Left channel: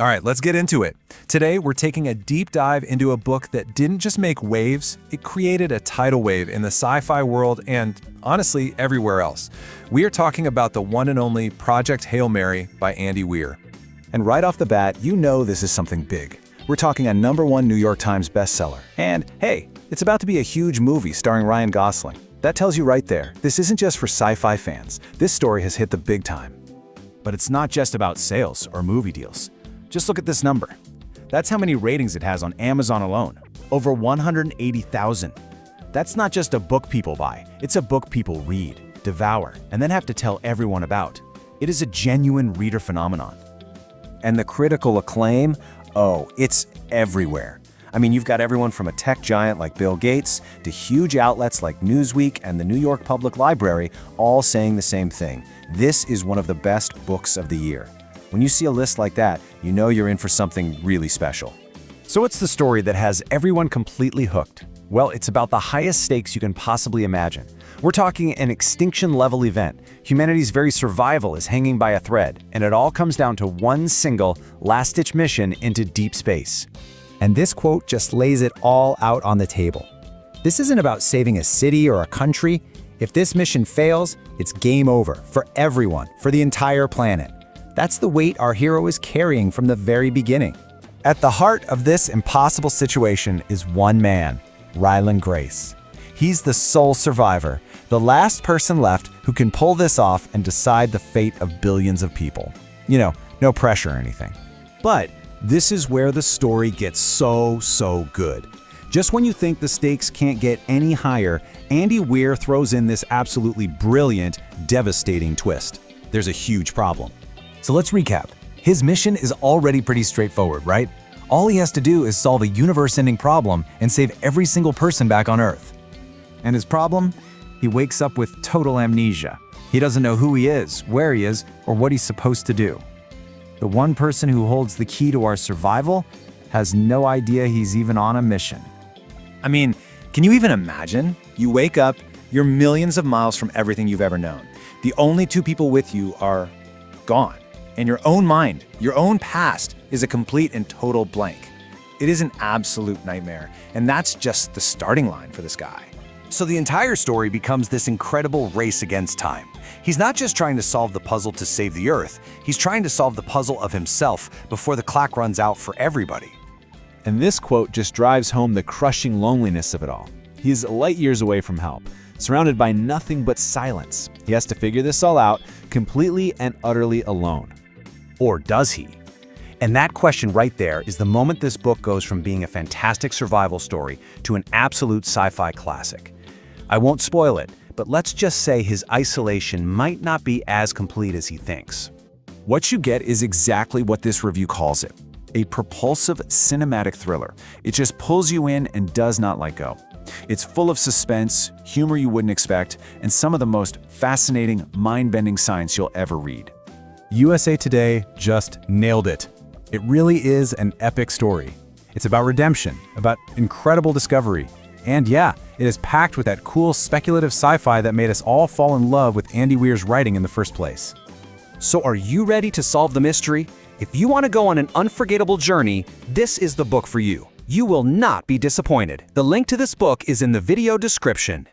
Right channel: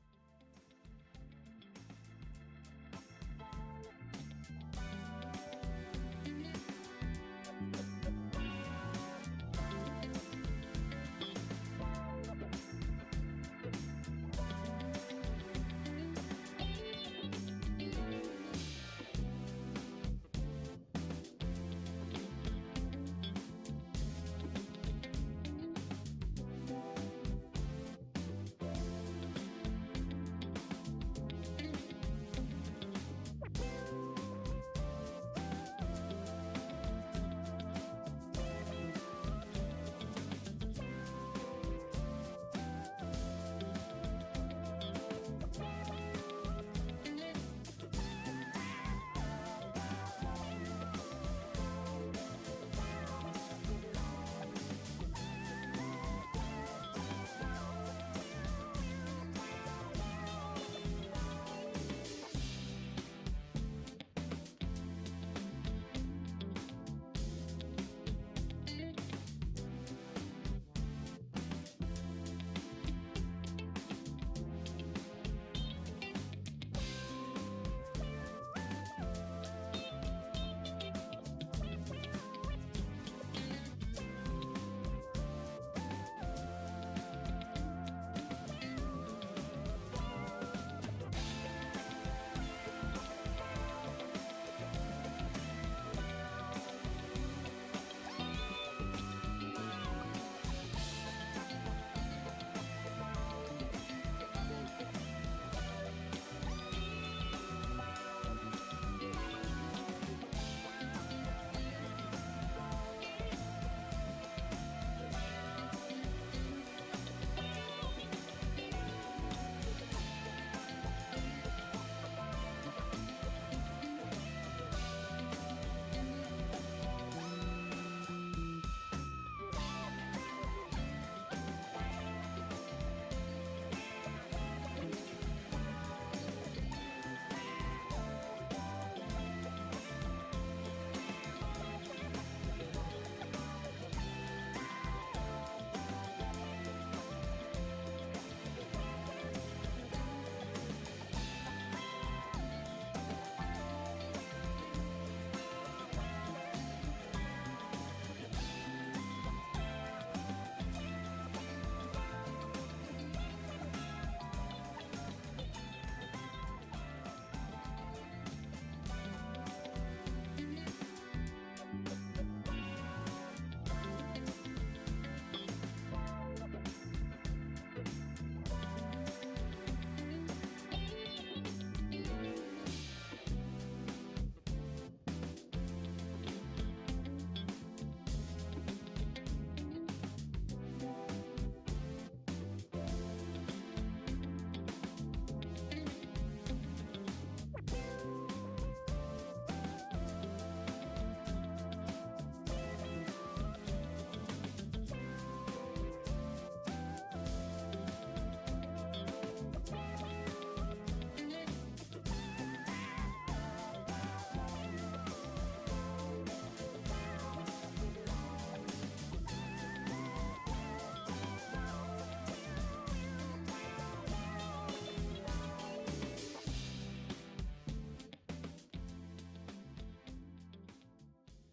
All right, let's get into it. Today, we're taking a deep dive into a book that didn't just make waves, it created a tidal wave in the sci-fi world and, honestly, everywhere else. We are talking about the one and only Project Hail Mary by Andy Weir. And right off the bat, you know this is something big. We're talking a #1 New York Times bestseller. And hey, it's about to be a huge movie starring Ryan Gosling. That tells you right there, this isn't just for sci-fi fans. This story has hit the big time. But it's not just about sales or movie deals. Just look at this number. That's how many ratings it has on Amazon alone. Over 180,000. That's not just a book people buy. It's a book people read, devour, and then have to tell everyone about. It is a genuine reader phenomenon. And the critical acclaim? Oh, it's everywhere. I mean, you've got everyone from a tech giant like Bill Gates to huge outlets like Newsweek and the New York Public Library all saying the same thing. This is one of the best books of the year. When you see a list like that, you know you're in for something really special. So what's the story that has everyone completely hooked? Well, it's about the highest stakes you can possibly imagine. We're talking an extinction-level event. Humanity's very survival is hanging by a thread, and it all comes down to one single, last-ditch mission into deep space. And this quote just lays it all out on the table. This isn't about saving a city or a country. If this mission fails, it's game over for everyone, for the entire planet. That's the weight our hero is carrying from the very beginning. At the heart of this impossible situation is one man, Ryland Grace. He's the sole survivor, the last person left who can pull this off and decide the fate of billions of people. You know, no pressure or anything. But this is where the story gets so good. Just when you think the stakes can't get any higher, Andy Weir throws in this absolutely brilliant, devastating twist. There's a huge problem. So let's recap. His mission is already pretty straightforward, right? All he has to do is solve a universe-ending problem and save every single person back on Earth. And his problem? He wakes up with total amnesia. He doesn't know who he is, where he is, or what he's supposed to do. The one person who holds the key to our survival has no idea he's even on a mission. I mean, can you even imagine? You wake up, you're millions of miles from everything you've ever known. The only two people with you are gone. And your own mind, your own past, is a complete and total blank. It is an absolute nightmare, and that's just the starting line for this guy. So the entire story becomes this incredible race against time. He's not just trying to solve the puzzle to save the Earth, he's trying to solve the puzzle of himself before the clock runs out for everybody. And this quote just drives home the crushing loneliness of it all. He is light years away from help, surrounded by nothing but silence. He has to figure this all out completely and utterly alone. Or does he? And that question right there is the moment this book goes from being a fantastic survival story to an absolute sci-fi classic. I won't spoil it, but let's just say his isolation might not be as complete as he thinks. What you get is exactly what this review calls it, a propulsive cinematic thriller. It just pulls you in and does not let go. It's full of suspense, humor you wouldn't expect, and some of the most fascinating, mind-bending science you'll ever read. USA Today just nailed it. It really is an epic story. It's about redemption, about incredible discovery, and yeah, it is packed with that cool speculative sci-fi that made us all fall in love with Andy Weir's writing in the first place. So are you ready to solve the mystery? If you want to go on an unforgettable journey, this is the book for you. You will not be disappointed. The link to this book is in the video description.